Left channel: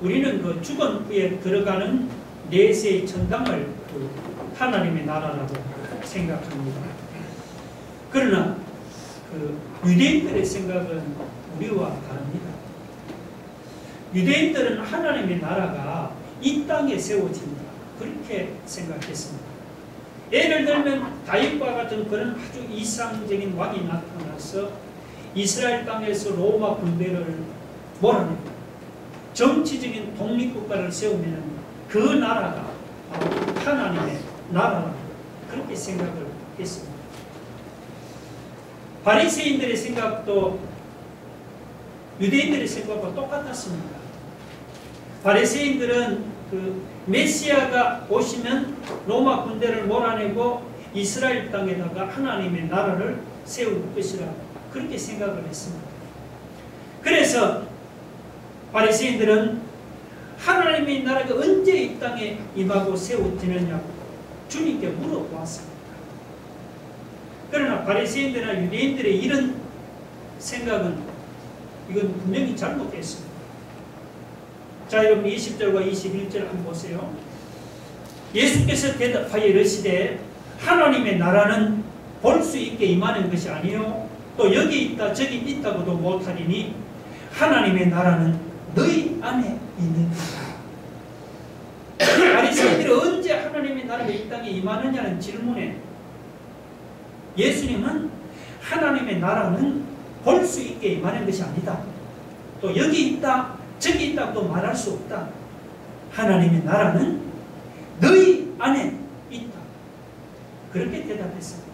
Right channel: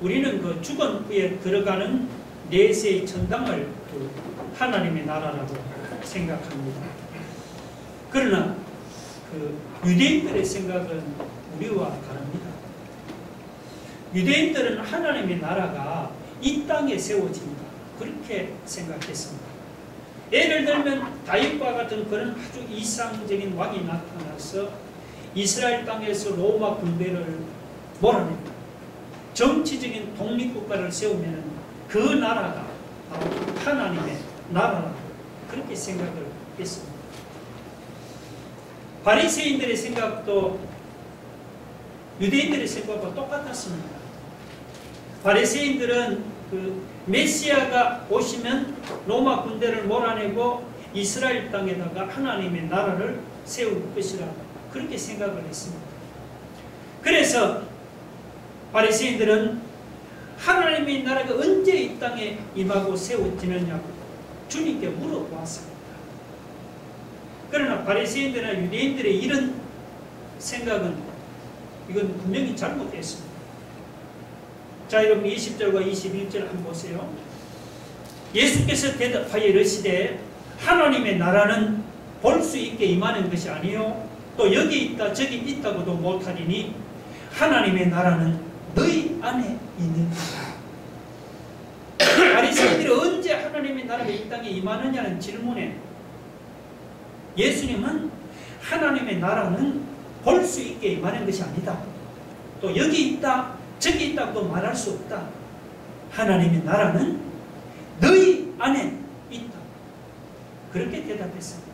우리는 그 죽은 후에 들어가는 내세의 천당을 하나님의 나라라고 생각합니다. 그러나 그 유대인들의 생각은 우리와 다릅니다. 유대인들은 하나님의 나라가 이 땅에 세워진다, 그렇게 생각했습니다. 예를 들면 다윗과 같은 그런 아주 이상적인 왕이 나타나서 이스라엘 땅에서 로마 군대를 몰아냅니다. 정치적인 독립국가를 세우면 그 나라가 바로 하나님의 나라라고 그렇게 생각을 했습니다. 바리새인들의 생각도 유대인들의 생각과 똑같았습니다. 바리새인들은 그 메시아가 오시면 로마 군대를 몰아내고 이스라엘 땅에다가 하나님의 나라를 세울 것이라 그렇게 생각을 했습니다. 그래서 바리새인들은 하나님의 나라가 언제 이 땅에 임하고 세워지느냐고 주님께 물어보았습니다. 그러나 바리새인들이나 유대인들의 이런 생각은 이건 분명히 잘못됐습니다. 자, 여러분 20절과 21절 한번 보세요. 예수께서 대답하여 이르시되 하나님의 나라는 볼 수 있게 임하는 것이 아니요 또 여기 있다 저기 있다고도 못하리니 하나님의 나라는 너희 안에 있느니라. 바리새인들이 언제 하나님의 나라가 이 땅에 임하느냐는 질문에 예수님은 하나님의 나라는 볼 수 있게 임하는 것이 아니다. 또 여기 있다 저기 있다고도 말할 수 없다. 하나님의 나라는 너희 안에 있다. 그렇게 대답했습니다.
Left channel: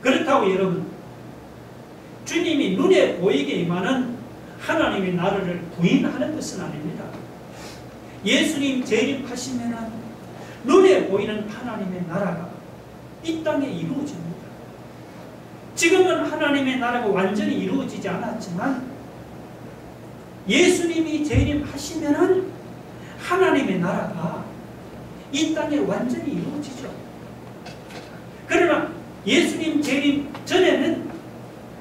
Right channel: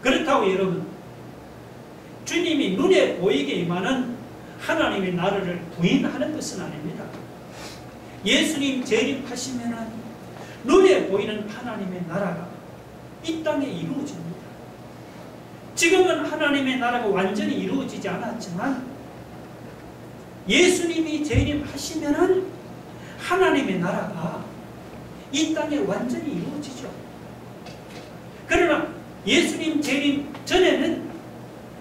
그렇다고 여러분, 주님이 눈에 보이게 임하는 하나님의 나라를 부인하는 것은 아닙니다. 예수님 재림하시면 눈에 보이는 하나님의 나라가 이 땅에 이루어집니다. 지금은 하나님의 나라가 완전히 이루어지지 않았지만 예수님이 재림하시면 하나님의 나라가 이 땅에 완전히 이루어지죠. 그러나 예수님 재림 전에는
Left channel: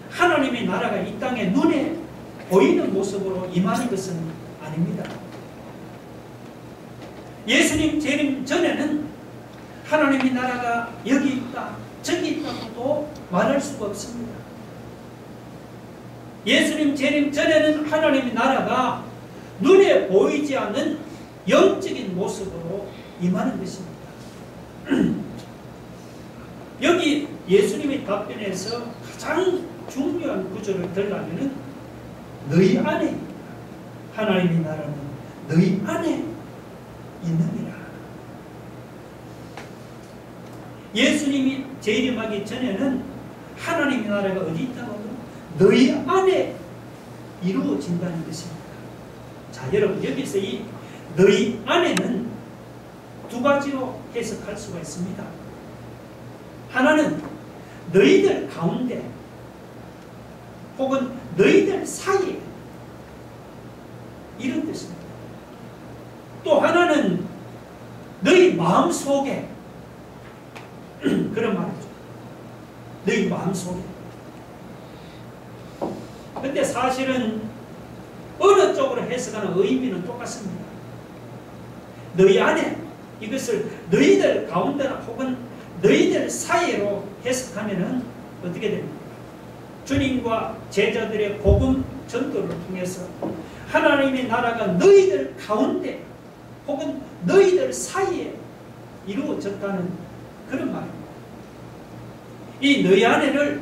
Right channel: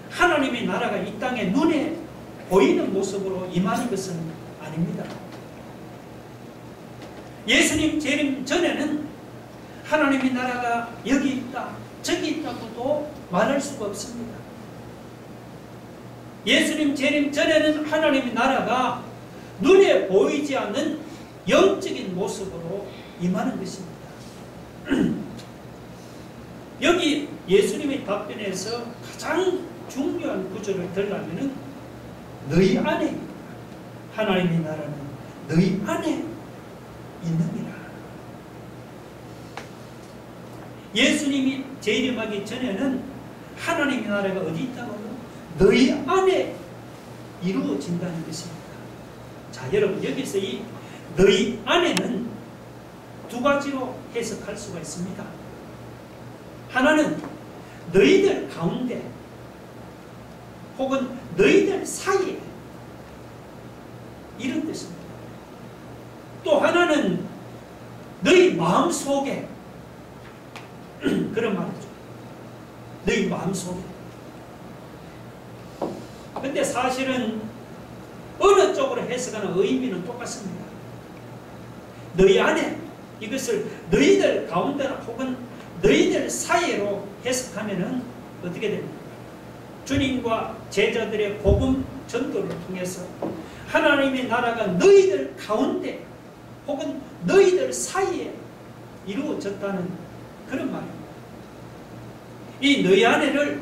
하나님의 나라가 이 땅에 눈에 보이는 모습으로 임하는 것은 아닙니다. 예수님 재림 전에는 하나님의 나라가 여기 있다 저기 있다고도 말할 수가 없습니다. 예수님 재림 전에는 하나님의 나라가 눈에 보이지 않는 영적인 모습으로 임하는 것입니다. 여기 예수님의 답변에서 가장 중요한 구절을 들라면 너희 안에 있다. 하나님의 나라는 너희 안에 있느니라. 예수님이 재림하기 전에는 하나님의 나라가 어디 있다고? 너희 안에 이루어진다는 것입니다. 자, 여러분 여기서 이 너희 안에는 두 가지로 해석할 수가 있습니다. 하나는 너희들 가운데 혹은 너희들 사이에 이런 뜻입니다. 또 하나는 너희 마음속에 그런 말이죠. 너희 마음속에. 근데 사실은 어느 쪽으로 해석하는 의미는 똑같습니다. 너희 안에 이것을 너희들 가운데 혹은 너희들 사이로 해석하면은 어떻게 됩니까? 주님과 제자들의 복음 전도를 통해서 하나님의 나라가 너희들 가운데 혹은 너희들 사이에 이루어졌다는 그런 말입니다. 이 너희 안에를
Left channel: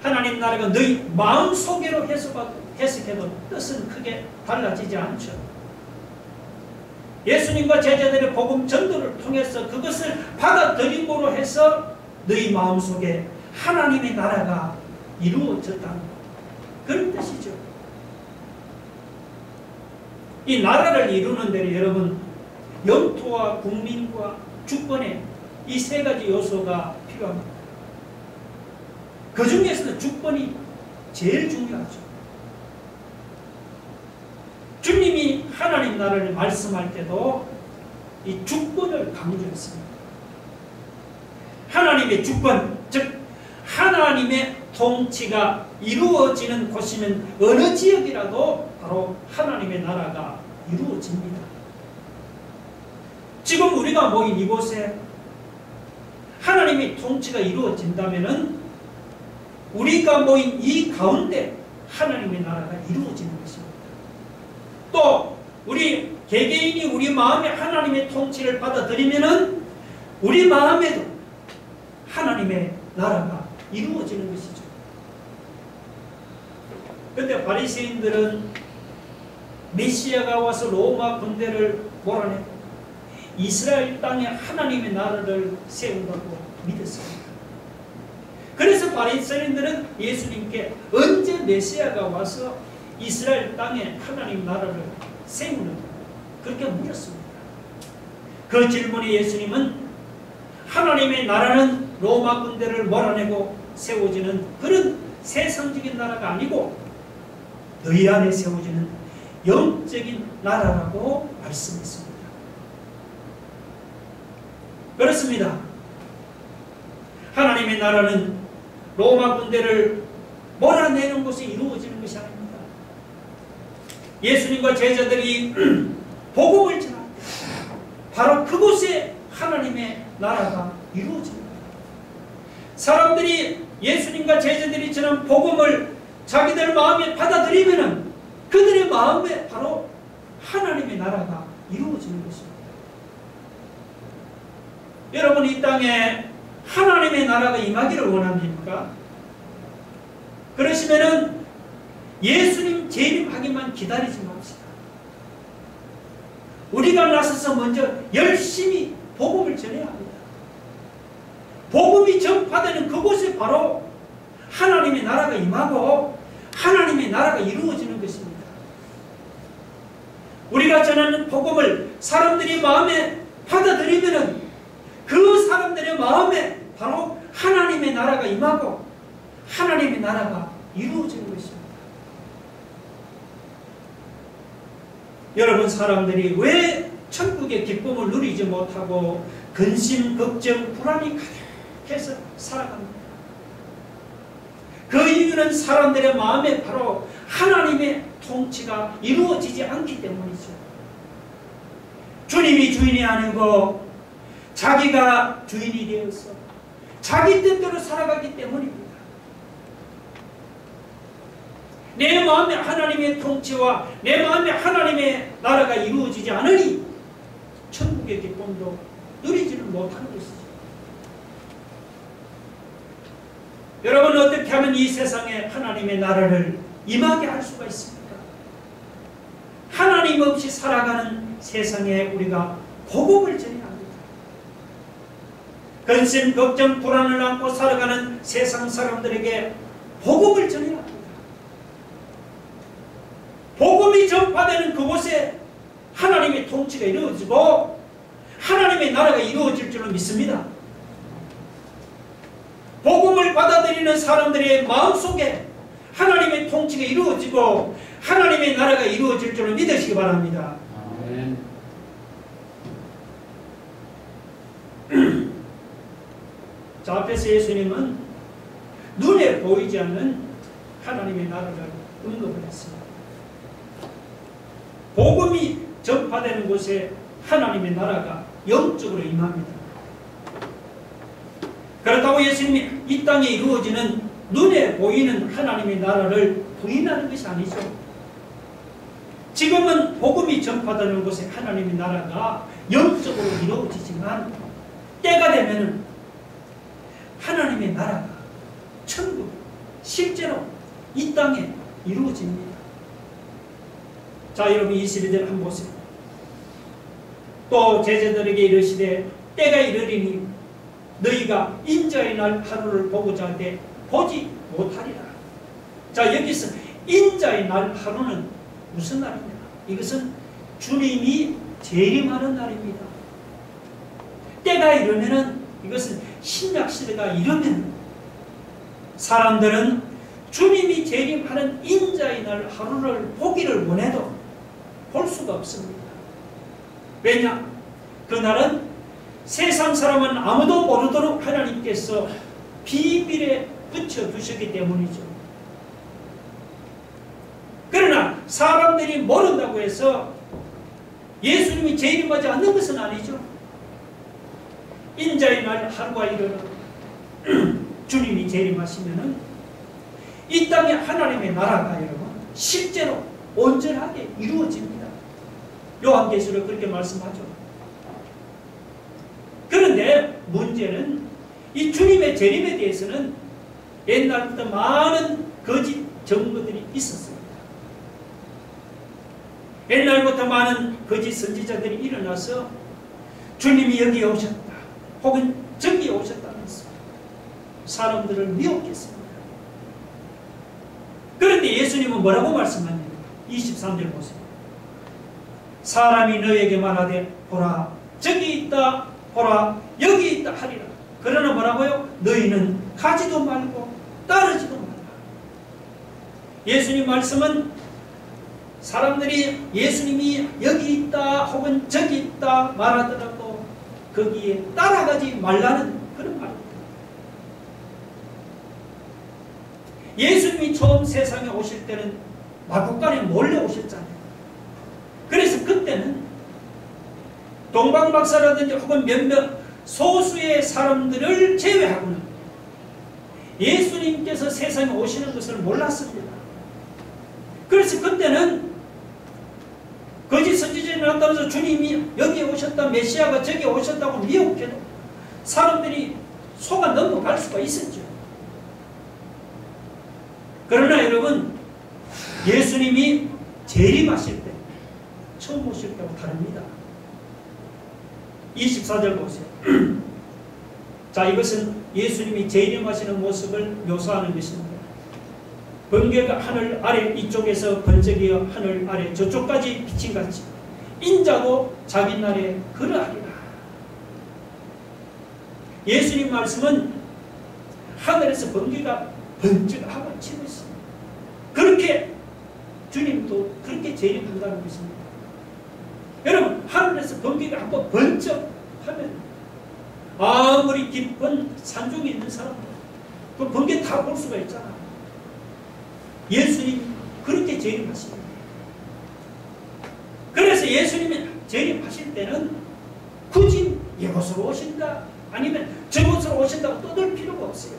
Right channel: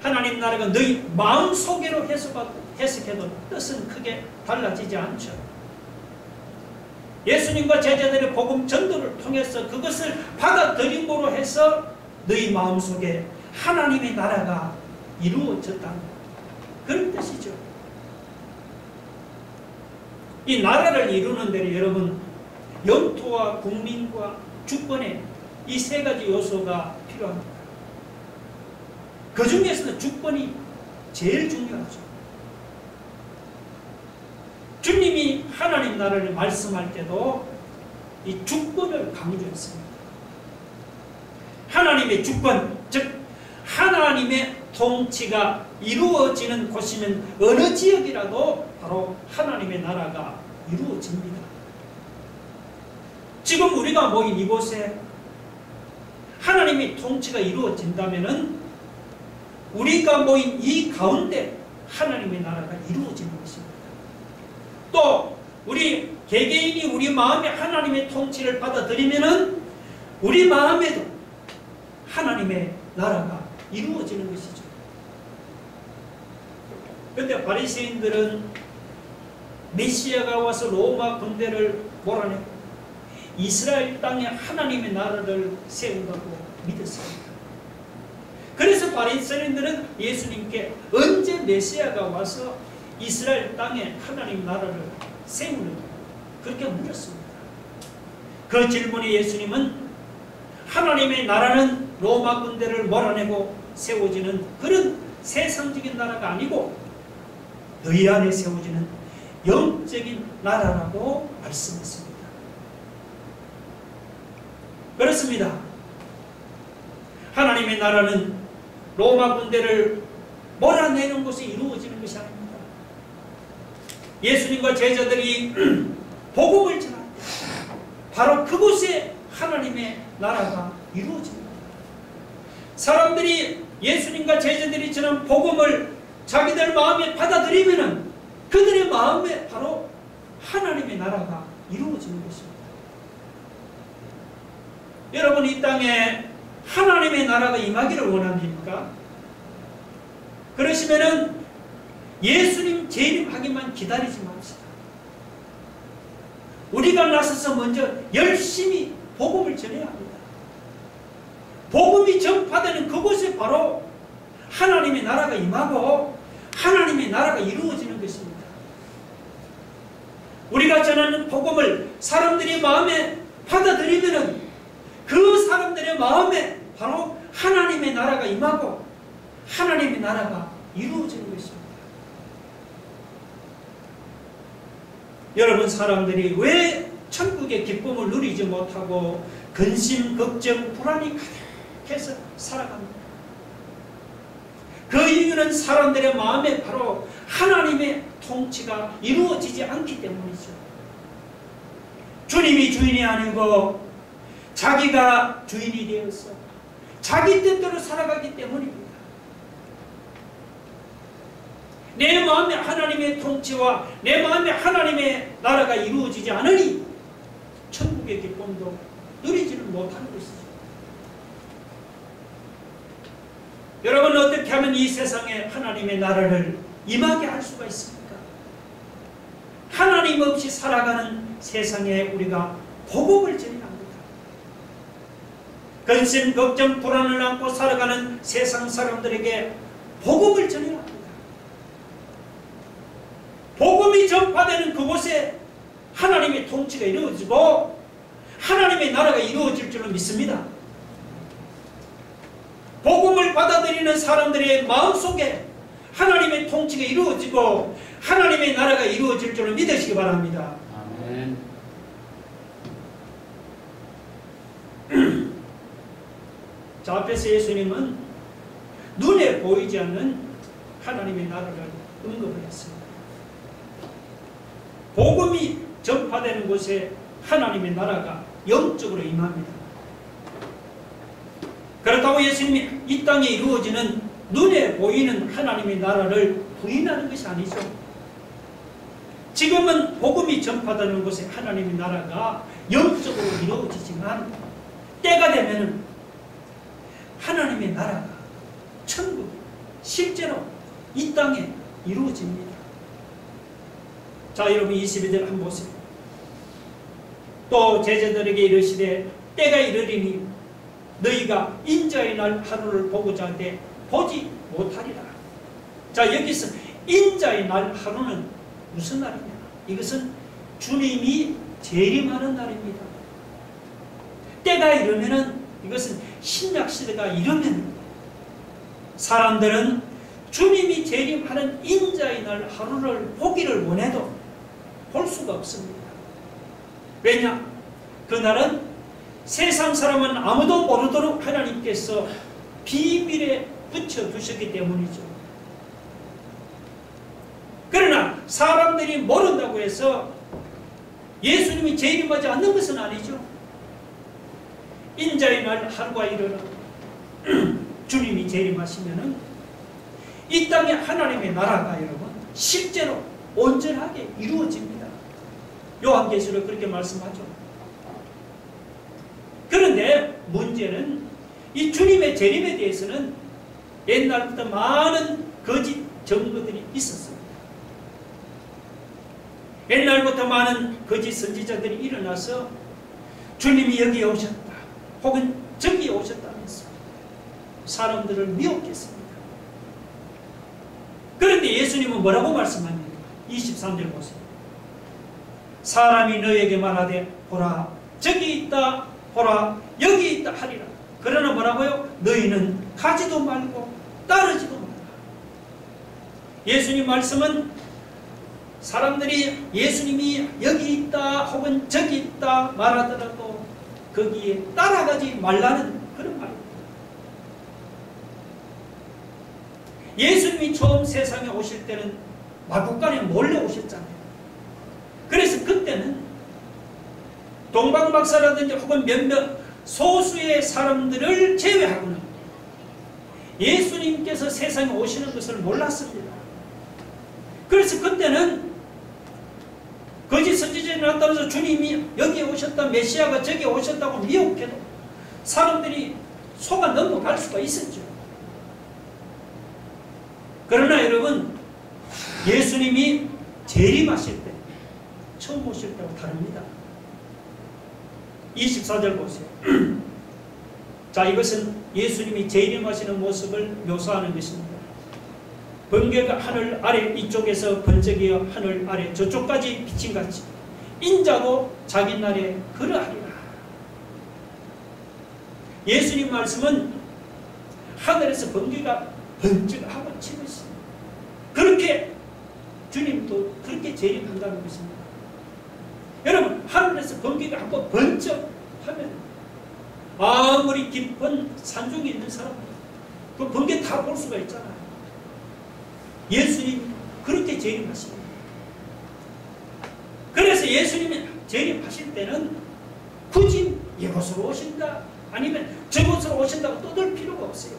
하나님 나라가 너희 마음속에로 해석해도 뜻은 크게 달라지지 않죠. 예수님과 제자들의 복음 전도를 통해서 그것을 받아들임으로 해서 너희 마음속에 하나님의 나라가 이루어졌다는 그런 뜻이죠. 이 나라를 이루는 데는 여러분 영토와 국민과 주권의 이 세 가지 요소가 필요합니다. 그 중에서도 주권이 제일 중요하죠. 주님이 하나님 나라를 말씀할 때도 이 주권을 강조했습니다. 하나님의 주권, 즉 하나님의 통치가 이루어지는 곳이면 어느 지역이라도 바로 하나님의 나라가 이루어집니다. 지금 우리가 모인 이곳에 하나님의 통치가 이루어진다면 우리가 모인 이 가운데 하나님의 나라가 이루어지는 것입니다. 또 우리 개개인이 우리 마음에 하나님의 통치를 받아들이면 우리 마음에도 하나님의 나라가 이루어지는 것이죠. 그런데 바리새인들은 메시아가 와서 로마 군대를 몰아내고 이스라엘 땅에 하나님의 나라를 세운다고 믿었습니다. 그래서 바리새인들은 예수님께 언제 메시아가 와서 이스라엘 땅에 하나님 나라를 세우는가 그렇게 물었습니다. 그 질문에 예수님은 하나님의 나라는 로마 군대를 몰아내고 세워지는 그런 세상적인 나라가 아니고 너희 안에 세워지는 영적인 나라라고 말씀했습니다. 그렇습니다. 하나님의 나라는 로마 군대를 몰아내는 곳에 이루어지는 것이 아닙니다. 예수님과 제자들이 복음을 전할 때 바로 그곳에 하나님의 나라가 이루어집니다. 사람들이 예수님과 제자들이 전한 복음을 자기들 마음에 받아들이면 그들의 마음에 바로 하나님의 나라가 이루어지는 것입니다. 여러분, 이 땅에 하나님의 나라가 임하기를 원합니까? 그러시면은 예수님 재림하기만 기다리지 맙시다. 우리가 나서서 먼저 열심히 복음을 전해야 합니다. 복음이 전파되는 그곳에 바로 하나님의 나라가 임하고 하나님의 나라가 이루어지는 것입니다. 우리가 전하는 복음을 사람들이 마음에 받아들이면 그 사람들의 마음에 바로 하나님의 나라가 임하고 하나님의 나라가 이루어지는 것입니다. 여러분, 사람들이 왜 천국의 기쁨을 누리지 못하고 근심, 걱정, 불안이 가득해서 살아갑니다. 그 이유는 사람들의 마음에 바로 하나님의 통치가 이루어지지 않기 때문이죠. 주님이 주인이 아니고 자기가 주인이 되어서 자기 뜻대로 살아가기 때문입니다. 내 마음에 하나님의 통치와 내 마음에 하나님의 나라가 이루어지지 않으니 천국의 기쁨도 누리지는 못하는 것이죠. 여러분, 어떻게 하면 이 세상에 하나님의 나라를 임하게 할 수가 있습니까? 하나님 없이 살아가는 세상에 우리가 복음을 전해야 합니다. 근심, 걱정, 불안을 안고 살아가는 세상 사람들에게 복음을 전해야 합니다. 복음이 전파되는 그곳에 하나님의 통치가 이루어지고 하나님의 나라가 이루어질 줄로 믿습니다. 복음을 받아들이는 사람들의 마음속에 하나님의 통치가 이루어지고 하나님의 나라가 이루어질 줄로 믿으시기 바랍니다. 아멘. 자, 앞에서 예수님은 눈에 보이지 않는 하나님의 나라를 언급을 했습니다. 복음이 전파되는 곳에 하나님의 나라가 영적으로 임합니다. 그렇다고 예수님이 이 땅에 이루어지는 눈에 보이는 하나님의 나라를 부인하는 것이 아니죠. 지금은 복음이 전파되는 곳에 하나님의 나라가 영적으로 이루어지지만 때가 되면은 하나님의 나라가 천국 실제로 이 땅에 이루어집니다. 자, 여러분 22절 한번 보세요. 또 제자들에게 이르시되 때가 이르리니 너희가 인자의 날 하루를 보고자 하되 보지 못하리라. 자, 여기서 인자의 날 하루는 무슨 날이냐? 이것은 주님이 재림하는 날입니다. 때가 이르면은 이것은 신약시대가 이르면 사람들은 주님이 재림하는 인자의 날 하루를 보기를 원해도 볼 수가 없습니다. 왜냐? 그날은 세상 사람은 아무도 모르도록 하나님께서 비밀에 붙여두셨기 때문이죠. 사람들이 모른다고 해서 예수님이 재림하지 않는 것은 아니죠. 인자의 날 하루가 이르러 주님이 재림하시면은 이 땅에 하나님의 나라가 여러분 실제로 온전하게 이루어집니다. 요한계시록 그렇게 말씀하죠. 그런데 문제는 이 주님의 재림에 대해서는 옛날부터 많은 거짓 증거들이 있었습니다. 옛날부터 많은 거짓 선지자들이 일어나서 주님이 여기에 오셨다 혹은 저기에 오셨다면서 사람들을 미혹했습니다. 그런데 예수님은 뭐라고 말씀합니까? 23절 보세요. 사람이 너에게 말하되 보라 저기 있다 보라 여기 있다 하리라. 그러나 뭐라고요? 너희는 가지도 말고 따르지도 말라. 예수님 말씀은 사람들이 예수님이 여기 있다 혹은 저기 있다 말하더라도 거기에 따라가지 말라는 그런 말입니다. 예수님이 처음 세상에 오실 때는 마구간에 몰래 오셨잖아요. 그래서 그때는 동방박사라든지 혹은 몇몇 소수의 사람들을 제외하고는 예수님께서 세상에 오시는 것을 몰랐습니다. 그래서 그때는 거짓 선지자들이 나타나서 주님이 여기에 오셨다 메시아가 저기에 오셨다고 미혹해도 사람들이 속아 넘어갈 수가 있었죠. 그러나 여러분 예수님이 재림하실 때 처음 오실 때와 다릅니다. 24절 보세요. 자, 이것은 예수님이 재림하시는 모습을 묘사하는 것입니다. 번개가 하늘 아래 이쪽에서 번쩍이어 하늘 아래 저쪽까지 비친같이 인자도 자기 날에 그러하리라. 예수님 말씀은 하늘에서 번개가 번쩍하고 치듯이 그렇게 주님도 그렇게 재림한다는 것입니다. 여러분 하늘에서 번개가 한번 번쩍하면 아무리 깊은 산중에 있는 사람들 그 번개 다 볼 수가 있잖아요. 예수님 그렇게 재림하십니다. 그래서 예수님이 재림하실 때는 굳이 이곳으로 오신다 아니면 저곳으로 오신다고 떠들 필요가 없어요.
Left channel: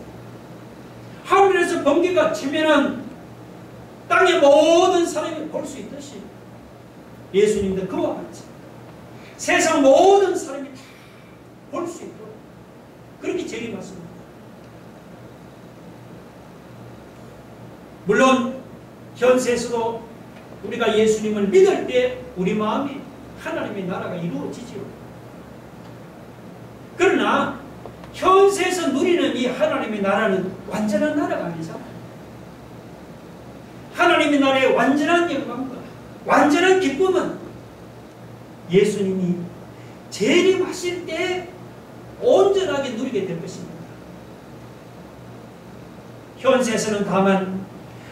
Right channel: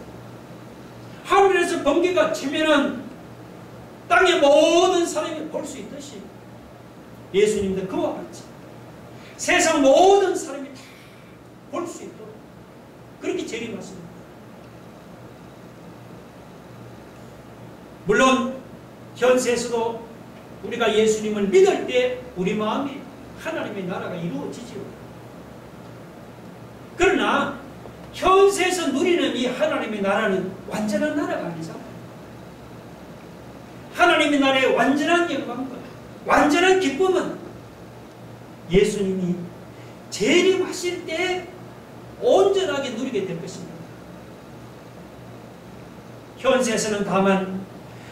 하늘에서 번개가 치면은 땅의 모든 사람이 볼 수 있듯이 예수님도 그와 같이 세상 모든 사람이 다 볼 수 있도록 그렇게 재림하십니다. 물론 현세에서도 우리가 예수님을 믿을 때 우리 마음이 하나님의 나라가 이루어지지요. 그러나 현세에서 누리는 이 하나님의 나라는 완전한 나라가 아니잖아요. 하나님의 나라의 완전한 영광과 완전한 기쁨은 예수님이 재림하실 때 온전하게 누리게 될 것입니다. 현세에서는 다만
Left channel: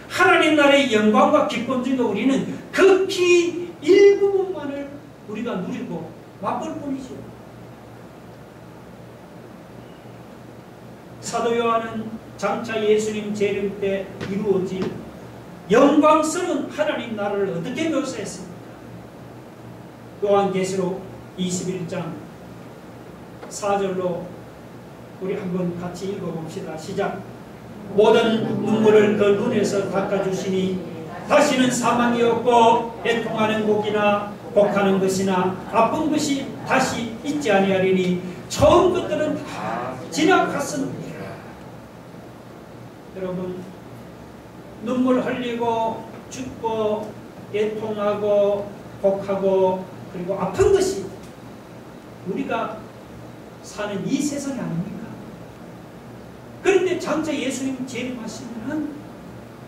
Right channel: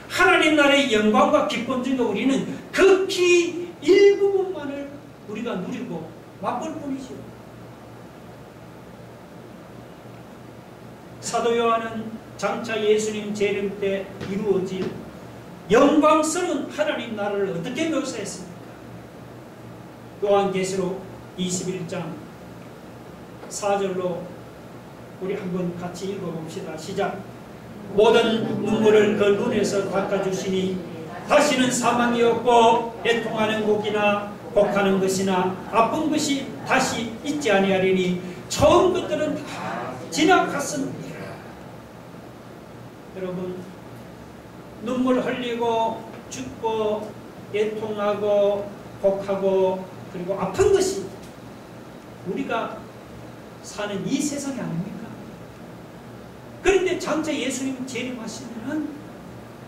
하나님 나라의 영광과 기쁨 중에 우리는 극히 일부분만을 우리가 누리고 맛볼 뿐이죠. 사도 요한은 장차 예수님 재림 때 이루어질 영광스러운 하나님 나라를 어떻게 묘사했습니까? 요한계시록 21장 4절로 우리 한번 같이 읽어봅시다. 시작. 모든 눈물을 그 눈에서 닦아주시니 다시는 사망이 없고 애통하는 곡이나 곡하는 것이나 아픈 것이 다시 있지 아니하리니 처음 것들은 다 지나갔습니다. 여러분 눈물 흘리고 죽고 애통하고 곡하고 그리고 아픈 것이 우리가 사는 이 세상이 아닙니까? 그런데 장차 예수님 재림하시면은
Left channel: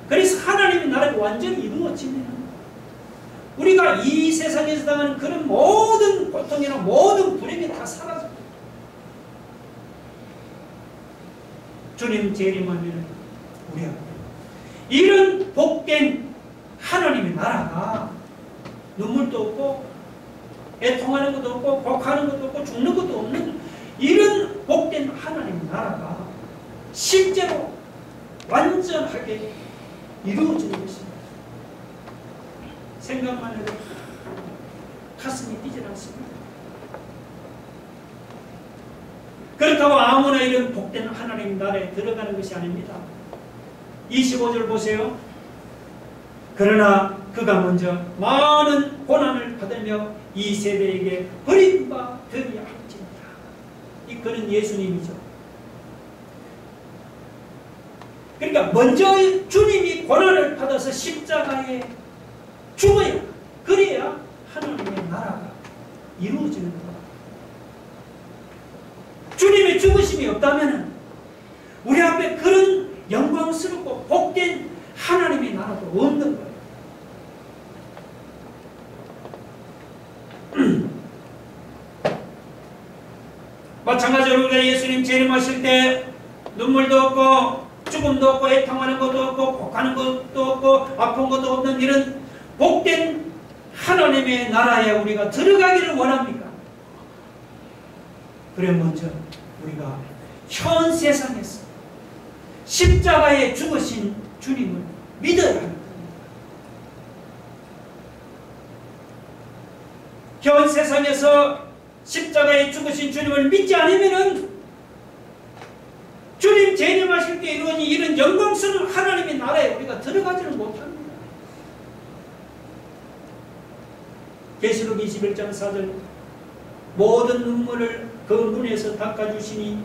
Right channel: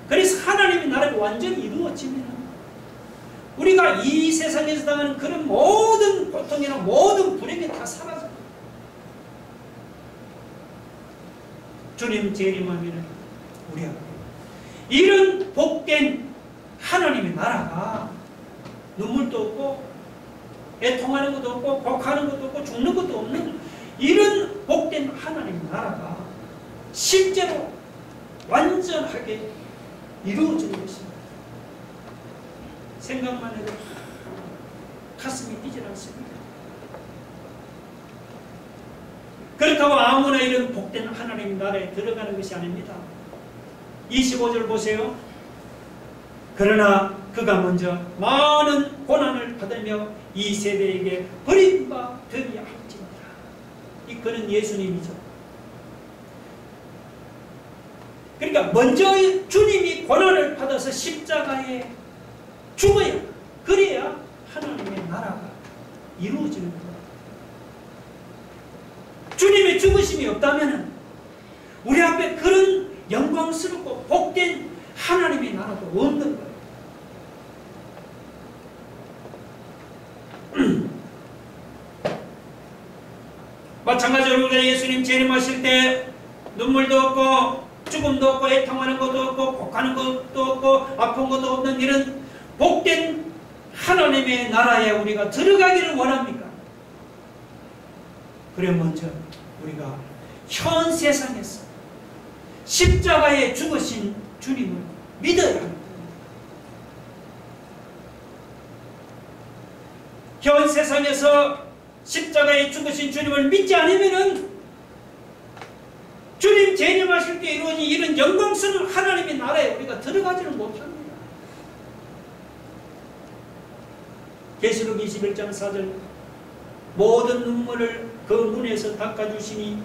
그래서 하나님의 나라가 완전히 이루어지면은 우리가 이 세상에서 당하는 그런 모든 고통이나 모든 불행이 다 사라져요. 주님 재림하면은 우리가 이런 복된 하나님의 나라가 눈물도 없고 애통하는 것도 없고 곡하는 것도 없고 죽는 것도 없는 이런 복된 하나님의 나라가 실제로 완전하게 이루어지는 것입니다. 생각만 해도 가슴이 뛰질 않습니다. 그렇다고 아무나 이런 복된 하나님 나라에 들어가는 것이 아닙니다. 25절 보세요. 그러나 그가 먼저 많은 고난을 받으며 이 세대에게 버림바 되게 할지니라. 이 그는 예수님이죠. 그러니까 먼저 주님이 고난을 받아서 십자가에 죽어야, 그래야 하나님의 나라가 이루어지는 겁니다. 주님의 죽으심이 없다면 우리 앞에 그런 영광스럽고 복된 하나님의 나라도 없는 거예요. 마찬가지로 우리가 예수님 재림하실 때 눈물도 없고 죽음도 없고 애통하는 것도 없고 곡하는 것도 없고 아픈 것도 없는 이런 복된 하나님의 나라에 우리가 들어가기를 원합니까? 그래 먼저 우리가 현 세상에서 십자가에 죽으신 주님을 믿어야 하는 겁니다. 현 세상에서 십자가에 죽으신 주님을 믿지 않으면은 주님 재림하실 때 이루어진 이런 영광스러운 하나님의 나라에 우리가 들어가지는 못합니다. 계시록 21장 4절 모든 눈물을 그 눈에서 닦아주시니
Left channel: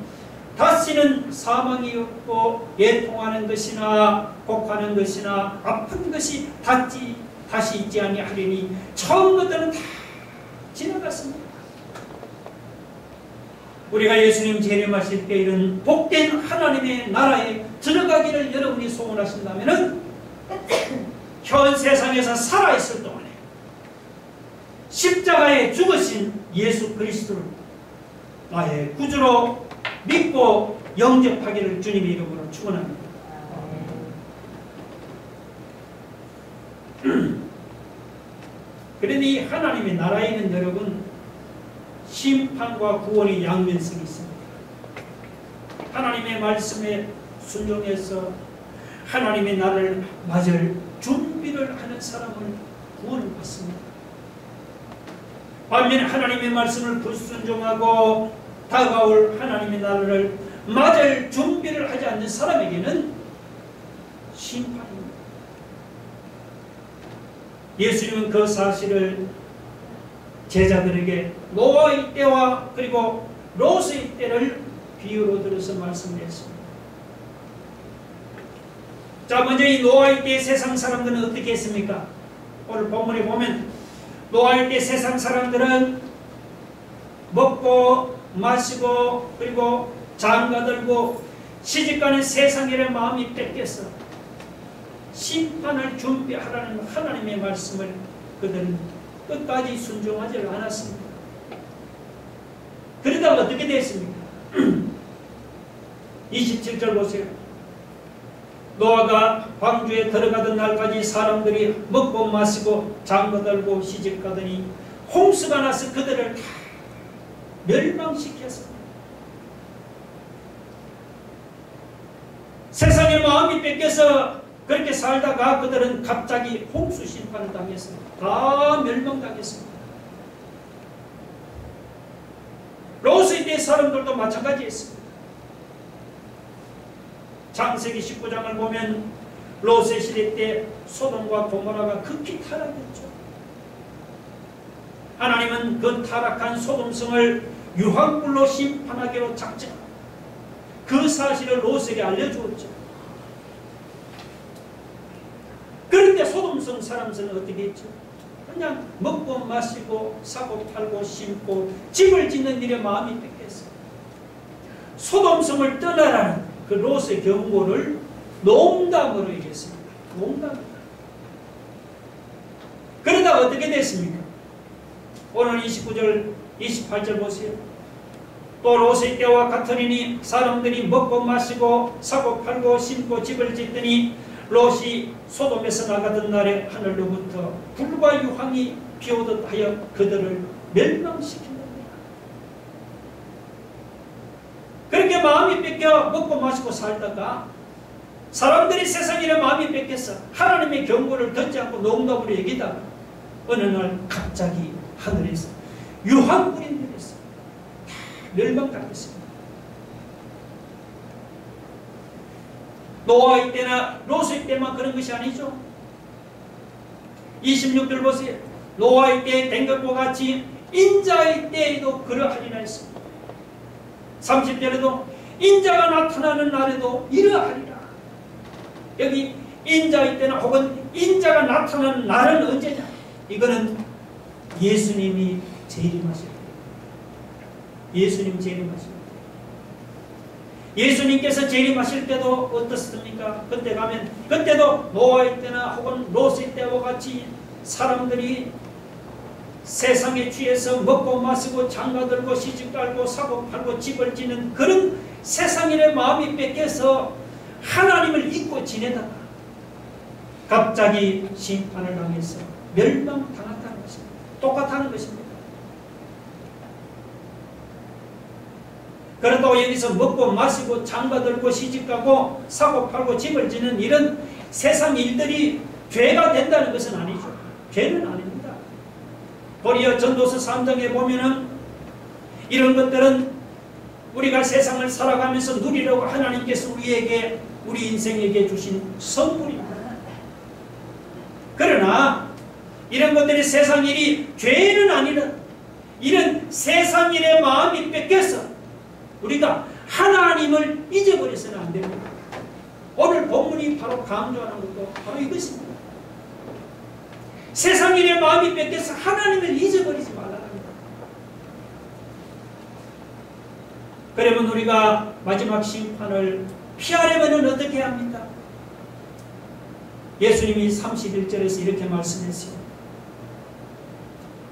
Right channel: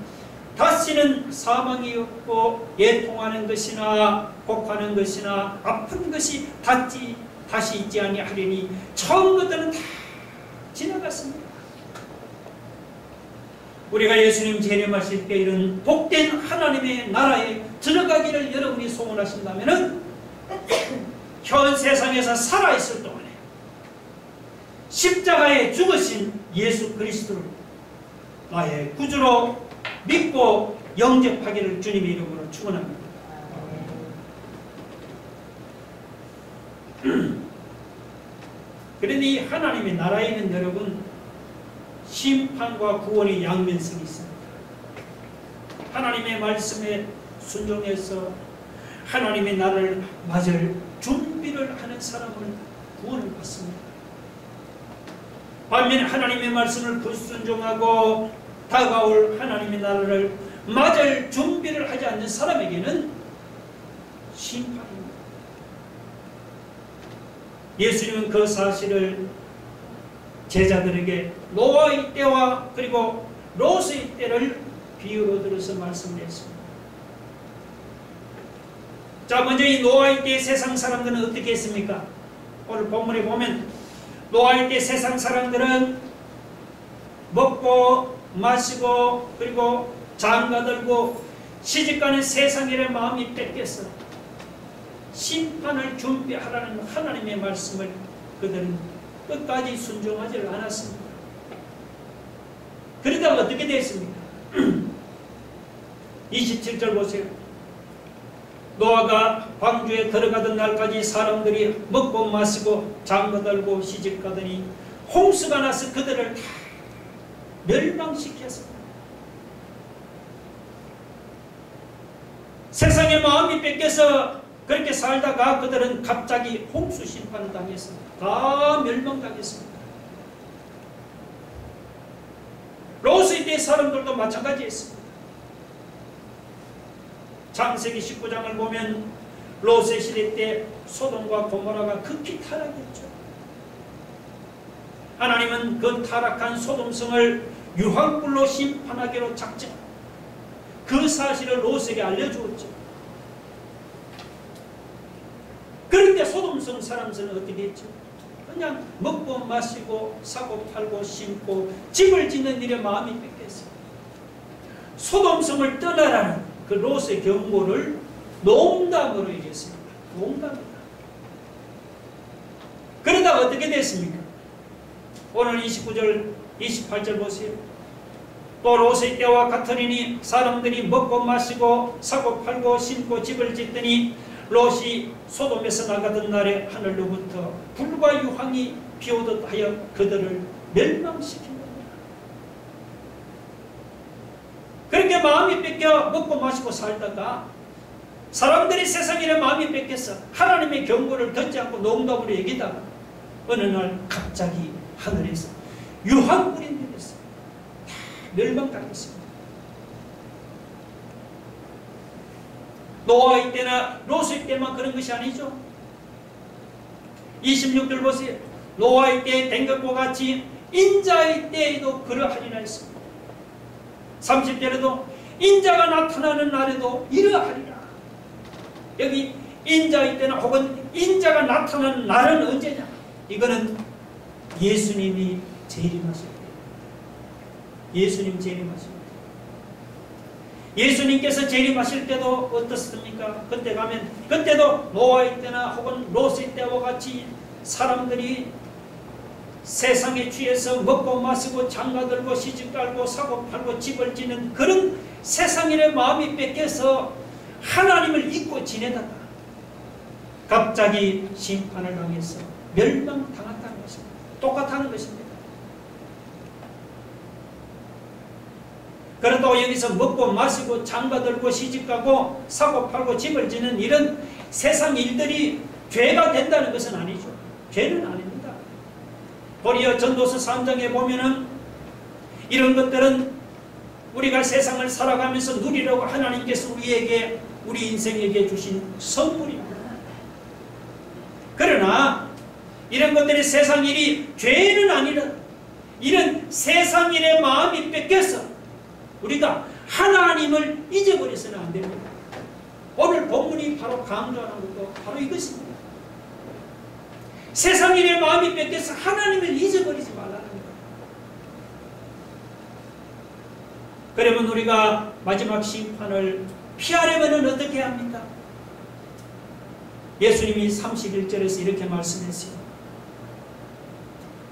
다시는 사망이 없고 애통하는 것이나 곡하는 것이나 아픈 것이 다시 있지 아니하리니 처음 것들은 다 지나갔습니다. 우리가 예수님 재림하실 때 이런 복된 하나님의 나라에 들어가기를 여러분이 소원하신다면 현 세상에서 살아있을 동안에 십자가에 죽으신 예수 그리스도를 나의 구주로 믿고 영접하기를 주님의 이름으로 축원합니다. 그러니 하나님의 나라에 있는 여러분 심판과 구원의 양면성이 있습니다. 하나님의 말씀에 순종해서 하나님의 나라를 맞을 준비를 하는 사람은 구원을 받습니다. 반면에 하나님의 말씀을 불순종하고 다가올 하나님의 나라를 맞을 준비를 하지 않는 사람에게는 심판입니다. 예수님은 그 사실을 제자들에게 노아의 때와 그리고 롯의 때를 비유로 들어서 말씀을 했습니다. 자, 먼저 이 노아의 때 세상 사람들은 어떻게 했습니까? 오늘 본문에 보면 노아의 때 세상 사람들은 먹고 마시고 그리고 장가들고 시집가는 세상의 마음이 뺏겨서 심판을 준비하라는 하나님의 말씀을 그들은 끝까지 순종하지 않았습니다. 그러다가 어떻게 됐습니까? 27절 보세요. 노아가 방주에 들어가던 날까지 사람들이 먹고 마시고 장가들고 시집가더니 홍수가 나서 그들을 다 멸망시켰습니다. 세상의 마음이 뺏겨서 그렇게 살다가 그들은 갑자기 홍수 심판을 당했습니다. 다 멸망당했습니다. 롯의 때 사람들도 마찬가지였습니다. 창세기 19장을 보면 롯의 시대 때 소돔과 고모라가 극히 타락했죠. 하나님은 그 타락한 소돔성을 유황불로 심판하기로 작정하고 그 사실을 롯에게 알려주었죠. 그런데 소돔성 사람들은 어떻게 했죠? 그냥 먹고 마시고 사고 팔고 심고 집을 짓는 일에 마음이 뺏겼어요. 소돔성을 떠나라는 그 롯의 경고를 농담으로 얘기했습니다. 농담이다. 그러다가 어떻게 됐습니까? 오늘 29절 28절 보세요. 또 롯의 때와 같으리니 사람들이 먹고 마시고 사고 팔고 심고 집을 짓더니 롯이 소돔에서 나가던 날에 하늘로부터 불과 유황이 비오듯 하여 그들을 멸망시킨다. 그렇게 마음이 뺏겨 먹고 마시고 살다가 사람들이 세상에 마음이 뺏겨서 하나님의 경고를 듣지 않고 농담으로 얘기다가 어느 날 갑자기 하늘에서 유황불이 내렸어요. 다 멸망당했습니다. 노아의 때나 롯의 때만 그런 것이 아니죠. 26절 보세요. 노아의 때에 된 것과 같이 인자의 때에도 그러하리라 했습니다. 30절에도 인자가 나타나는 날에도 이러하리라. 여기 인자의 때나 혹은 인자가 나타나는 날은 언제냐? 이거는 예수님이 재림하실 때. 예수님 재림하실 때. 예수님께서 재림하실 때도 어떻습니까? 그때 가면 그때도 노아의 때나 혹은 롯의 때와 같이 사람들이 세상에 취해서 먹고 마시고 장가들고 시집갈고 사고팔고 집을 지는 그런 세상인의 마음이 뺏겨서 하나님을 잊고 지내다가 갑자기 심판을 당해서 멸망당한다는 것입니다. 똑같다는 것입니다. 그렇다고 여기서 먹고 마시고 장가들고 시집가고 사고팔고 집을 지는 이런 세상 일들이 죄가 된다는 것은 아니죠. 죄는 아닙니다. 도리어 전도서 3장에 보면은 이런 것들은 우리가 세상을 살아가면서 누리려고 하나님께서 우리에게, 우리 인생에게 주신 선물입니다. 그러나 이런 것들이 세상 일이 죄는 아니라 이런 세상 일의 마음이 뺏겨서 우리가 하나님을 잊어버려서는 안 됩니다. 오늘 본문이 바로 강조하는 것도 바로 이것입니다. 세상 일의 마음이 뺏겨서 하나님을 잊어버리지 말라는 겁니다. 그러면 우리가 마지막 심판을 피하려면 어떻게 합니까? 예수님이 31절에서 이렇게 말씀했어요.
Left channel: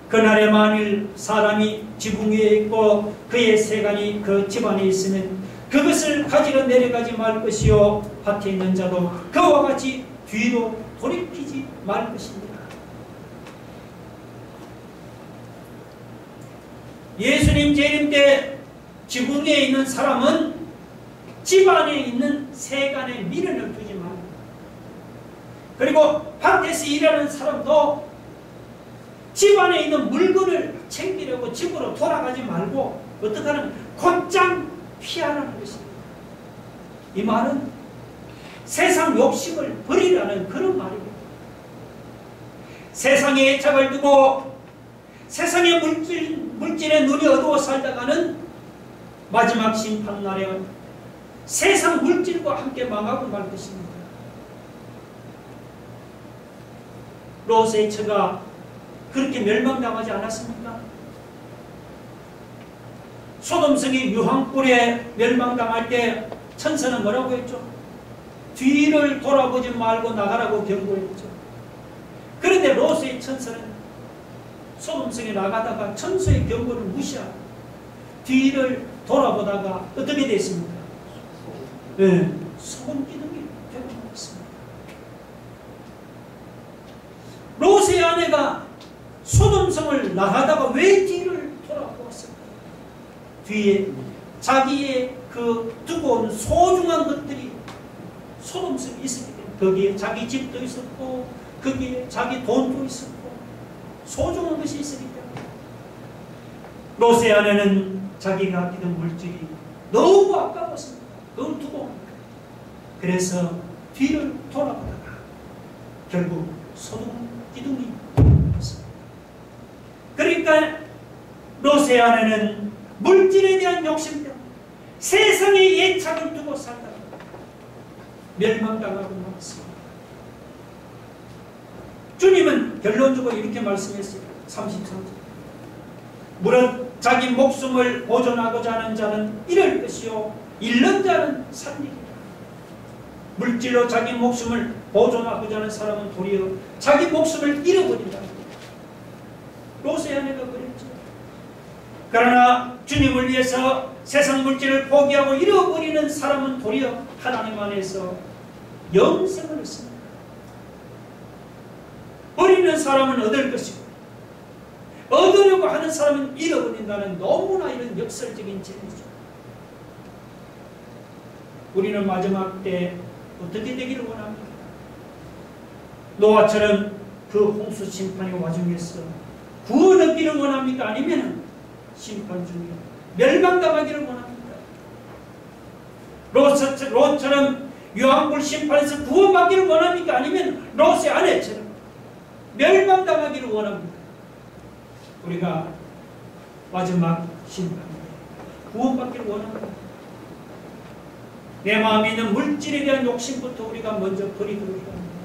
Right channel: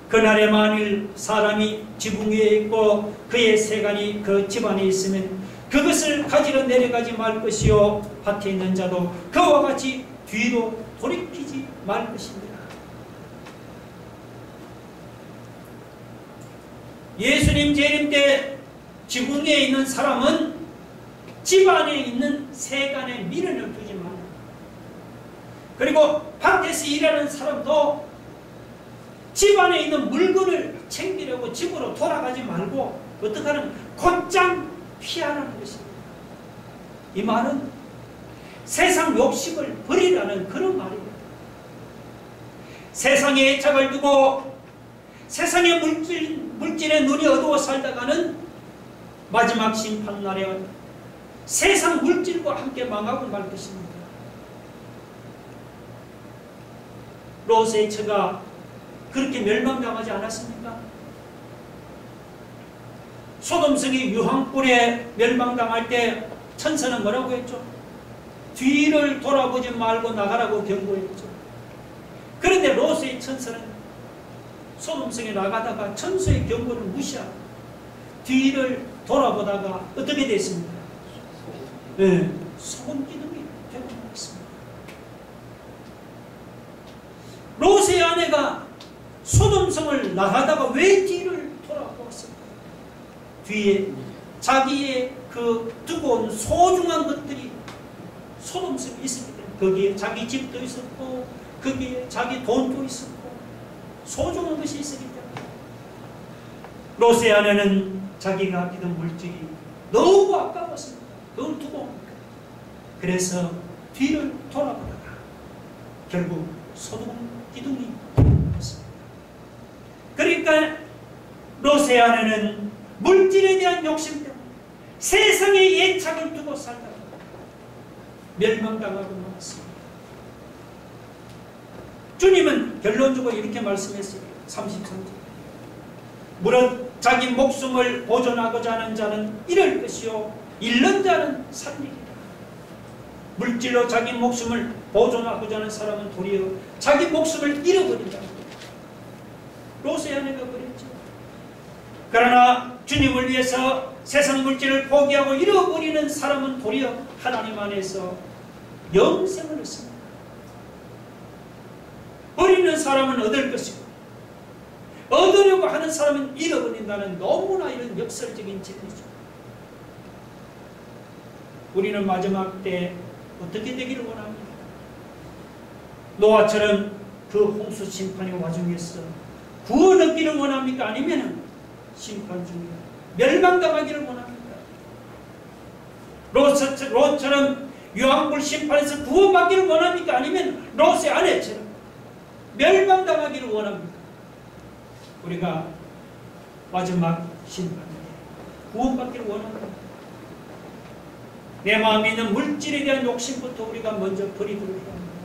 그날에 만일 사람이 지붕 위에 있고 그의 세간이 그 집안에 있으면 그것을 가지러 내려가지 말 것이요 밭에 있는 자도 그와 같이 뒤로 돌이키지 말 것입니다. 예수님 재림 때 지붕 위에 있는 사람은 집안에 있는 세간에 미련을 두지 말라. 그리고 밭에서 일하는 사람도 집안에 있는 물건을 챙기려고 집으로 돌아가지 말고 어떻게 하는 곧장 피하라는 것입니다. 이 말은 세상 욕심을 버리라는 그런 말입니다. 세상에 애착을 두고 세상의 물질에 눈이 어두워 살다가는 마지막 심판날에 세상 물질과 함께 망하고 말 것입니다. 롯의 처가 그렇게 멸망당하지 않았습니까? 소돔성이 유황불에 멸망당할 때 천사는 뭐라고 했죠? 뒤를 돌아보지 말고 나가라고 경고했죠. 그런데 롯의 천사는 소돔성에 나가다가 천사의 경고를 무시하고 뒤를 돌아보다가 어떻게 됐습니까? 네, 소금 기둥이 되고 말았습니다. 롯의 아내가 소돔성을 나가다가 왜 뒤를 돌아보았을까요? 뒤에 자기의 그 두고 온 소중한 것들이 소돔성이 있었기 때문에 거기에 자기 집도 있었고 거기에 자기 돈도 있었고 소중한 것이 있었기 때문에 롯의 아내는 자기가 아끼던 물질이 너무 아까웠습니다. 그걸 두고 그래서 뒤를 돌아보다가 결국 소돔 기둥이 되었습니다. 그러니까 롯의 아내는 물질에 대한 욕심 때문에 세상의 애착을 두고 살다가 멸망당하고 말았습니다. 주님은 결론적으로 이렇게 말씀했어요. 33절 무릇 자기 목숨을 보존하고자 하는 자는 잃을 것이요 잃는 자는 살리리라. 물질로 자기 목숨을 보존하고자 하는 사람은 도리어 자기 목숨을 잃어버린다. 롯의 아내가 그랬죠. 그러나 주님을 위해서 세상 물질을 포기하고 잃어버리는 사람은 도리어 하나님 안에서 영생을 얻습니다. 버리는 사람은 얻을 것이고 얻으려고 하는 사람은 잃어버린다는 너무나 이런 역설적인 진리죠. 우리는 마지막 때 어떻게 되기를 원합니까? 노아처럼 그 홍수 심판의 와중에서 구원 얻기를 원합니까? 아니면 심판 중에 멸망당하기를 원합니까? 롯처럼 유황불 심판에서 구원받기를 원합니까? 아니면 롯의 아내처럼 멸망당하기를 원합니까? 우리가 마지막 심판에 구원받기를 원합니다. 내 마음에 있는 물질에 대한 욕심부터 우리가 먼저 버리도록 해야 합니다.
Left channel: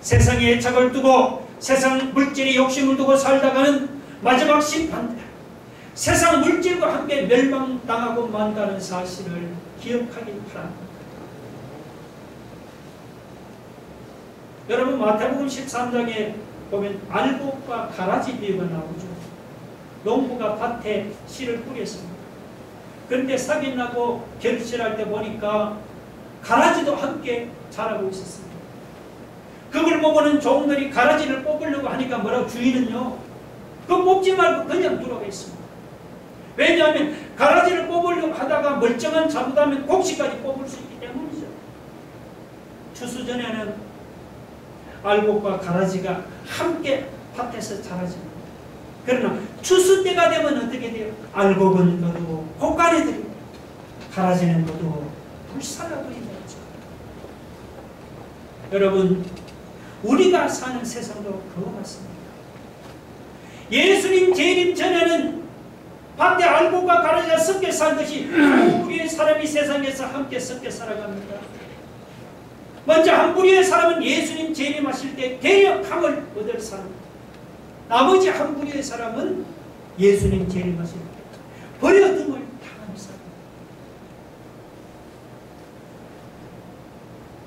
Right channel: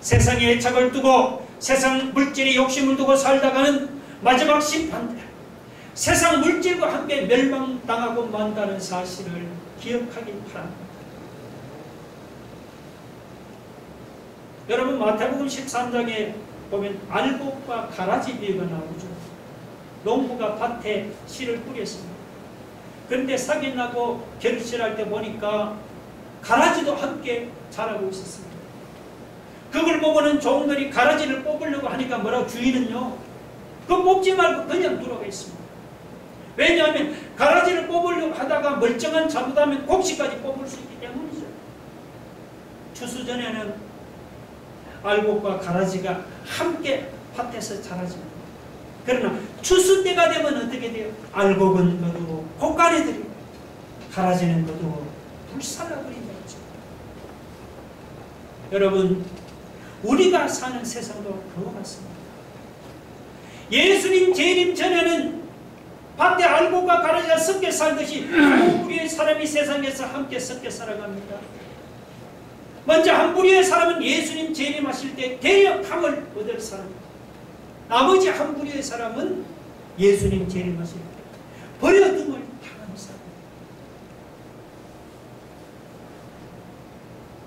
세상에 애착을 두고 세상 물질의 욕심을 두고 살다가는 마지막 심판 때 세상 물질과 함께 멸망당하고 만다는 사실을 기억하기 바랍니다. 여러분, 마태복음 13장에 보면 알곡과 가라지 비유가 나오죠. 농부가 밭에 씨를 뿌렸습니다. 그런데 싹이 나고 결실할 때 보니까 가라지도 함께 자라고 있었습니다. 그걸 보고는 종들이 가라지를 뽑으려고 하니까 뭐라고, 주인은요, 그거 뽑지 말고 그냥 두라고 했습니다. 왜냐하면 가라지를 뽑으려고 하다가 멀쩡한 잘못하면 곡식까지 뽑을 수 있기 때문이죠. 추수전에는 알곡과 가라지가 함께 밭에서 자라집니다. 그러나 추수 때가 되면 어떻게 돼요? 알곡은 거두고 곡간에 들이고 가라지는 거두고 불살라버린다. 여러분, 우리가 사는 세상도 그와 같습니다. 예수님 재림 전에는 밭에 알곡과 가라지가 섞여 살듯이 한 무리의 사람이 세상에서 함께 섞여 살아갑니다. 먼저 한 무리의 사람은 예수님 재림하실 때 대역함을 얻을 사람입니다. 나머지 한 무리의 사람은 예수님 재림하실 때 버려둠을 당하는 사람입니다.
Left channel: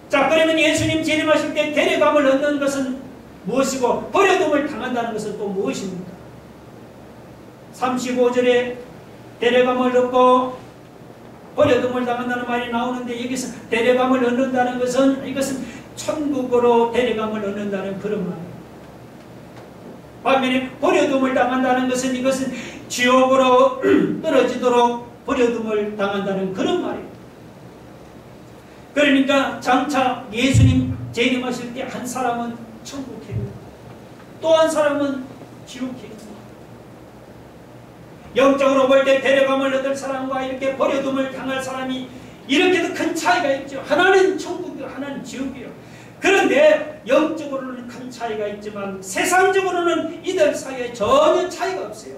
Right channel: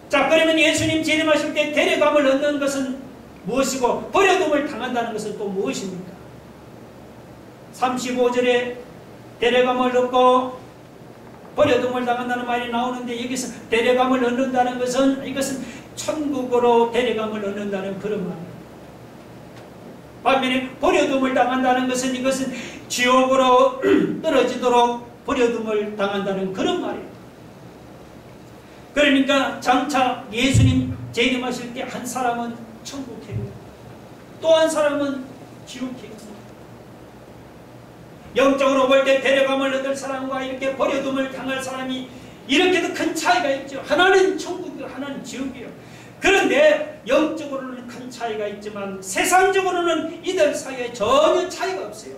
자, 그러면 예수님 재림하실 때 데려감을 얻는 것은 무엇이고 버려둠을 당한다는 것은 또 무엇입니까? 35절에 데려감을 얻고 버려둠을 당한다는 말이 나오는데, 여기서 데려감을 얻는다는 것은, 이것은 천국으로 데려감을 얻는다는 그런 말이에요. 반면에 버려둠을 당한다는 것은, 이것은 지옥으로 떨어지도록 버려둠을 당한다는 그런 말이에요. 그러니까 장차 예수님 재림하실 때 한 사람은 천국행입니다. 또 한 사람은 지옥행입니다. 영적으로 볼 때 데려감을 얻을 사람과 이렇게 버려둠을 당할 사람이 이렇게도 큰 차이가 있죠. 하나는 천국이고 하나는 지옥이요. 그런데 영적으로는 큰 차이가 있지만 세상적으로는 이들 사이에 전혀 차이가 없어요.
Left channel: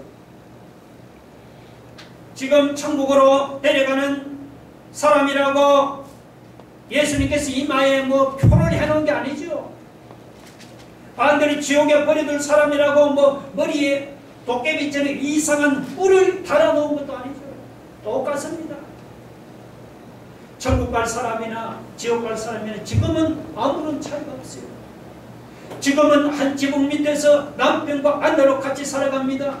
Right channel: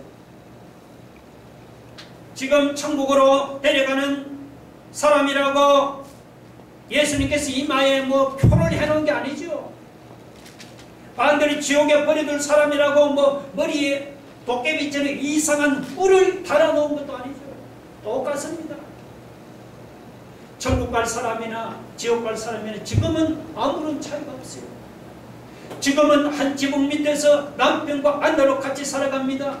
지금 천국으로 데려가는 사람이라고 예수님께서 이마에 뭐 표를 해놓은 게 아니죠. 반대로 지옥에 버려둘 사람이라고 뭐 머리에 도깨비처럼 이상한 뿔을 달아놓은 것도 아니죠. 똑같습니다. 천국 갈 사람이나 지옥 갈 사람이나 지금은 아무런 차이가 없어요. 지금은 한 지붕 밑에서 남편과 아내로 같이 살아갑니다.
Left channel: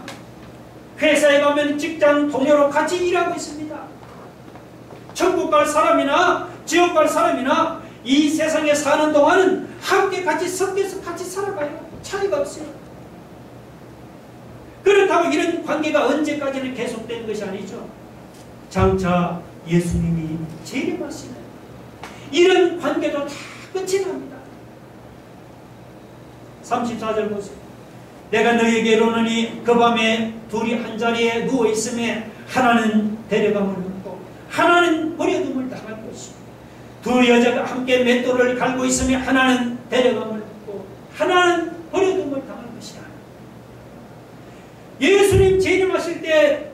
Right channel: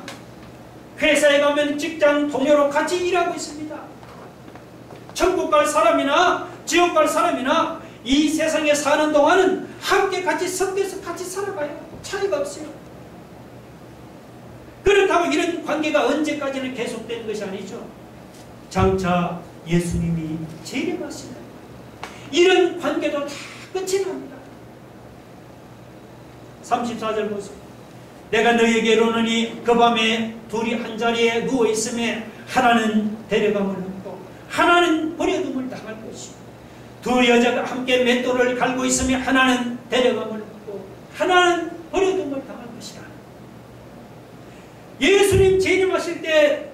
회사에 가면 직장 동료로 같이 일하고 있습니다. 천국 갈 사람이나 지옥 갈 사람이나 이 세상에 사는 동안은 함께 같이 섞여서 같이 살아가요. 차이가 없어요. 그렇다고 이런 관계가 언제까지는 계속되는 것이 아니죠. 장차 예수님이 재림하시는 이런 관계도 다 끝이 납니다. 34절 보세요. 내가 너희에게 이르노니 그 밤에 둘이 한 자리에 누워 있음에 하나는 데려감을 얻고 하나는 버려둠을 당할 것이요, 두 여자가 함께 맷돌을 갈고 있음에 하나는 데려감을 얻고 하나는 버려둠을 당할 것이라. 예수님 재림하실 때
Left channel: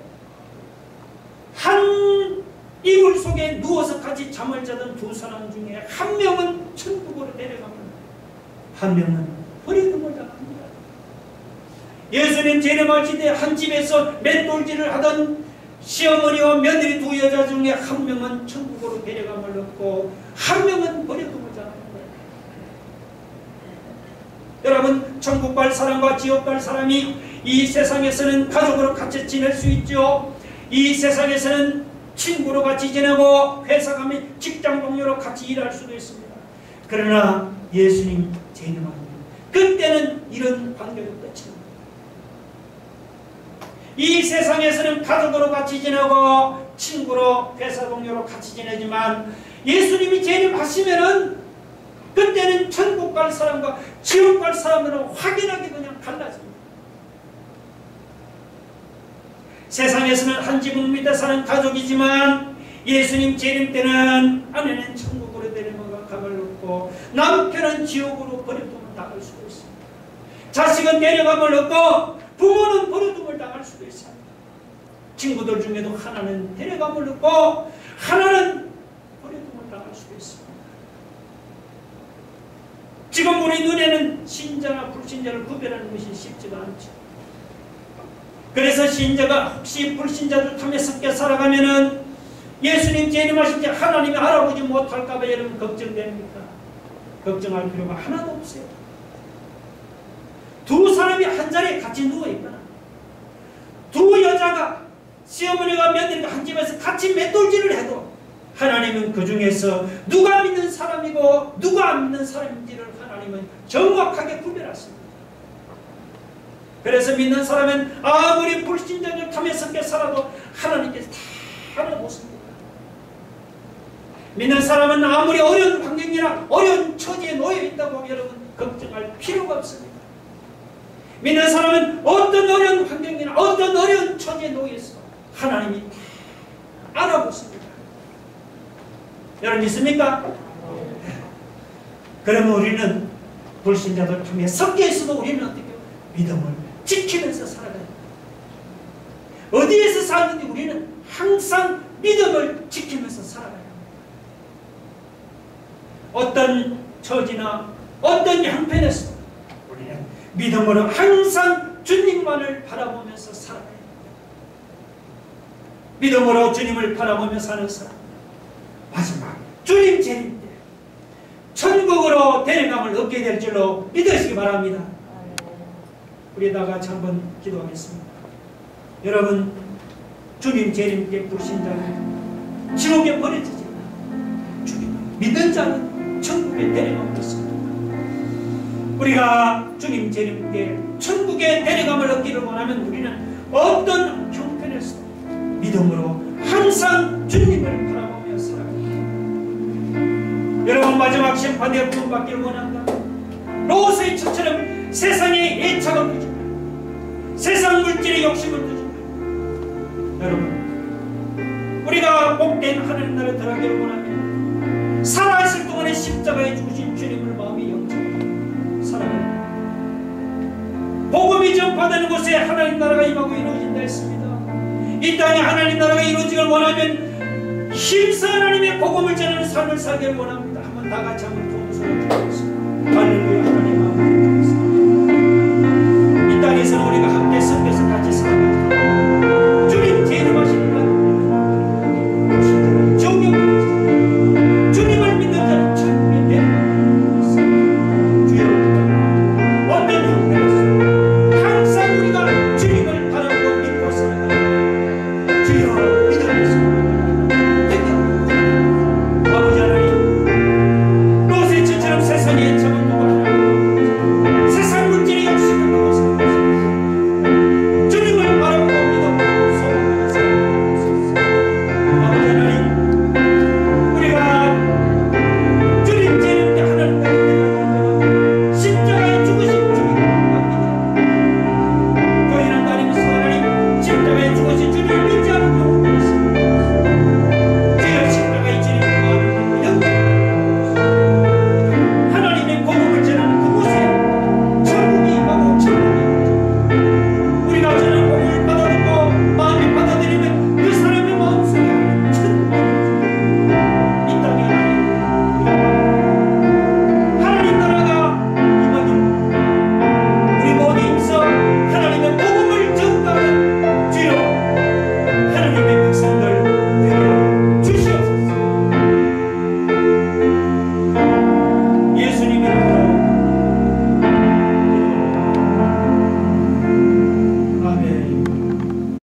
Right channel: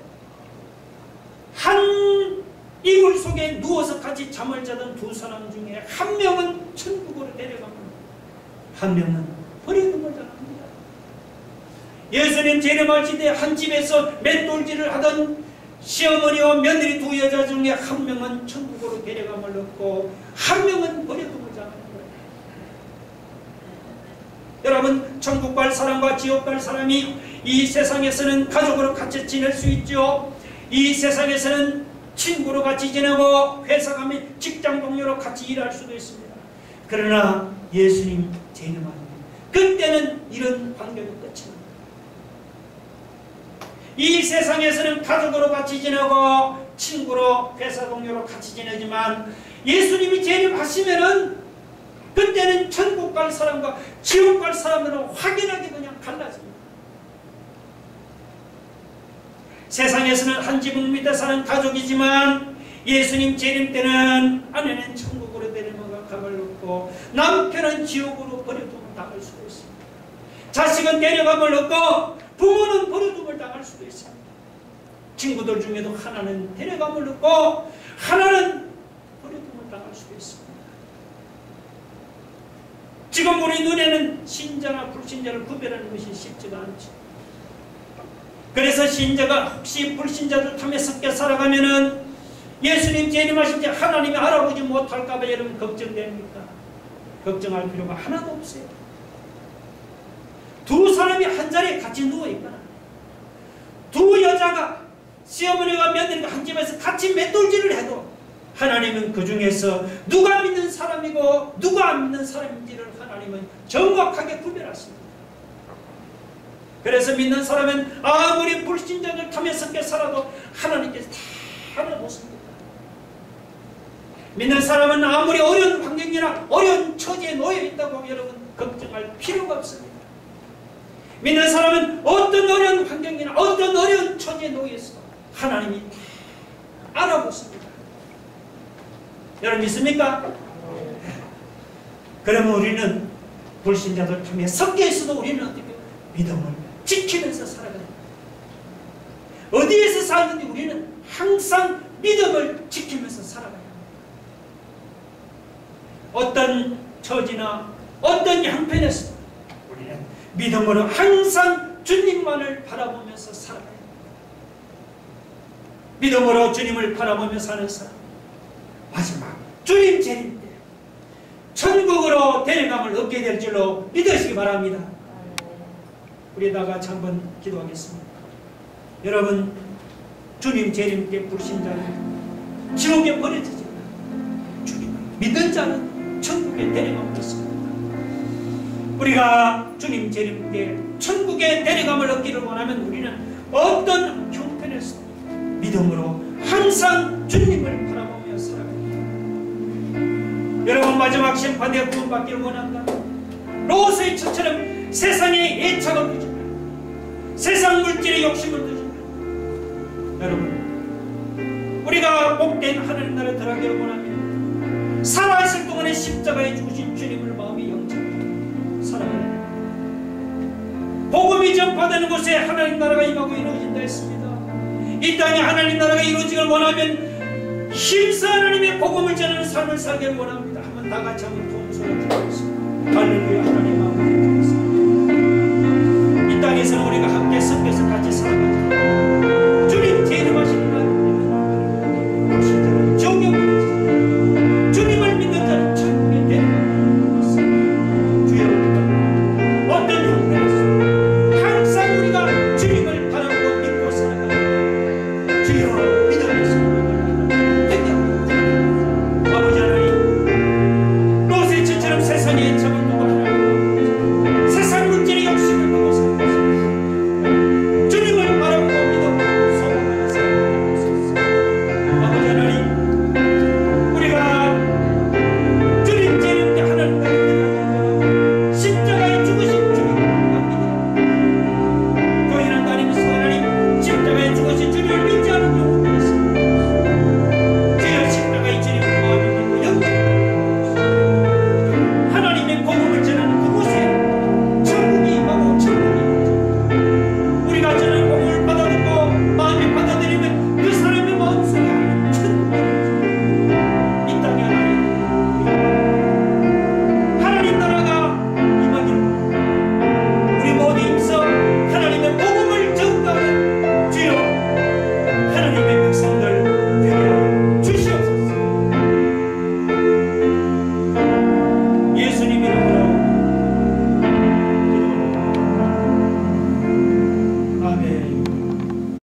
한 이불 속에 누워서 같이 잠을 자던 두 사람 중에 한 명은 천국으로 데려가면 한 명은 버려둠을 당합니다. 예수님 재림하실 때 한 집에서 맷돌질을 하던 시어머니와 며느리 두 여자 중에 한 명은 천국으로 데려감을 얻고 한 명은 버려둠을 당하는 거예요. 여러분, 천국 갈 사람과 지옥 갈 사람이 이 세상에서는 가족으로 같이 지낼 수 있죠. 이 세상에서는 친구로 같이 지내고 회사 가면 직장 동료로 같이 일할 수도 있습니다. 그러나 예수님 재림하면 그때는 이런 관계도 끝이 납니다. 이 세상에서는 가족으로 같이 지내고 친구로 회사 동료로 같이 지내지만 예수님이 재림하시면은 그때는 천국 갈 사람과 지옥 갈 사람은 확연하게 그냥 갈라집니다. 세상에서는 한 지붕 밑에 사는 가족이지만 예수님 재림 때는 아내는 천국으로 데려가 감을 얻고 남편은 지옥으로 버려둠을 당할 수도 있습니다. 자식은 데려감을 얻고 부모는 버려둠을 당할 수도 있습니다. 친구들 중에도 하나는 데려감을 얻고 하나는 버려둠을 당할 수도 있습니다. 지금 우리 눈에는 신자나 불신자를 구별하는 것이 쉽지가 않죠. 그래서 신자가 혹시 불신자들 탐에 섞여 살아가면은 예수님 재림하실 때 하나님이 알아보지 못할까봐 여러분 걱정됩니까? 걱정할 필요가 하나도 없어요. 두 사람이 한 자리에 같이 누워있거나 두 여자가 시어머니가 며느리가 한 집에서 같이 맷돌질을 해도 하나님은 그 중에서 누가 믿는 사람이고 누가 안 믿는 사람인지를 하나님은 정확하게 구별하십니다. 그래서 믿는 사람은 아무리 불신자들 탐에 섞여 살아도 하나님께서 다 알아보십니다. 믿는 사람은 아무리 어려운 환경이나 어려운 처지에 놓여 있다고 여러분 걱정할 필요가 없습니다. 믿는 사람은 어떤 어려운 환경이나 어떤 어려운 처지에 놓여 있어 하나님이 다 알아보십니다. 여러분 믿습니까? 그러면 우리는 불신자들 틈에 섞여 있어도 우리는 어떻게 믿음을 지키면서 살아가야 합니다. 어디에서 살든지 우리는 항상 믿음을 지키면서 살아가야 합니다. 어떤 처지나 어떤 형편에서 우리는 믿음으로 항상 주님만을 바라보면서 살아가야 합니다. 믿음으로 주님을 바라보며 사는 사람, 마지막 주님 재림 때 천국으로 데려감을 얻게 될 줄로 믿으시기 바랍니다. 우리 다 같이 한번 기도하겠습니다. 여러분, 주님 재림 때 불신자는 지옥에 버려지지 않아 주님을 믿는 자는 천국에 데려감을 얻습니다. 우리가 주님 재림 때 천국에 데려감을 얻기를 원하면 우리는 어떤 형편에서 믿음으로 항상 주님을 바라보며 살아갑니다. 여러분, 마지막 심판에 구원받기를 원한다. 롯의 처처럼 세상에 애착을 두지 말고 세상 물질에 욕심을 두지 말고 여러분, 우리가 복된 하나님 나라에 들어가기를 원하면 살아있을 동안에 십자가에 죽으신 주님을 마음에 영접하고 살아가는 복음이 전파되는 곳에 하나님 나라가 임하고 이루어진다 했습니다. 이 땅에 하나님 나라가 이루어지길 원하면 힘써 하나님의 복음을 전하는 삶을 살기를 원합니다. 한번 다 같이 한번 두 손을 들어보겠습니다. 할렐루야.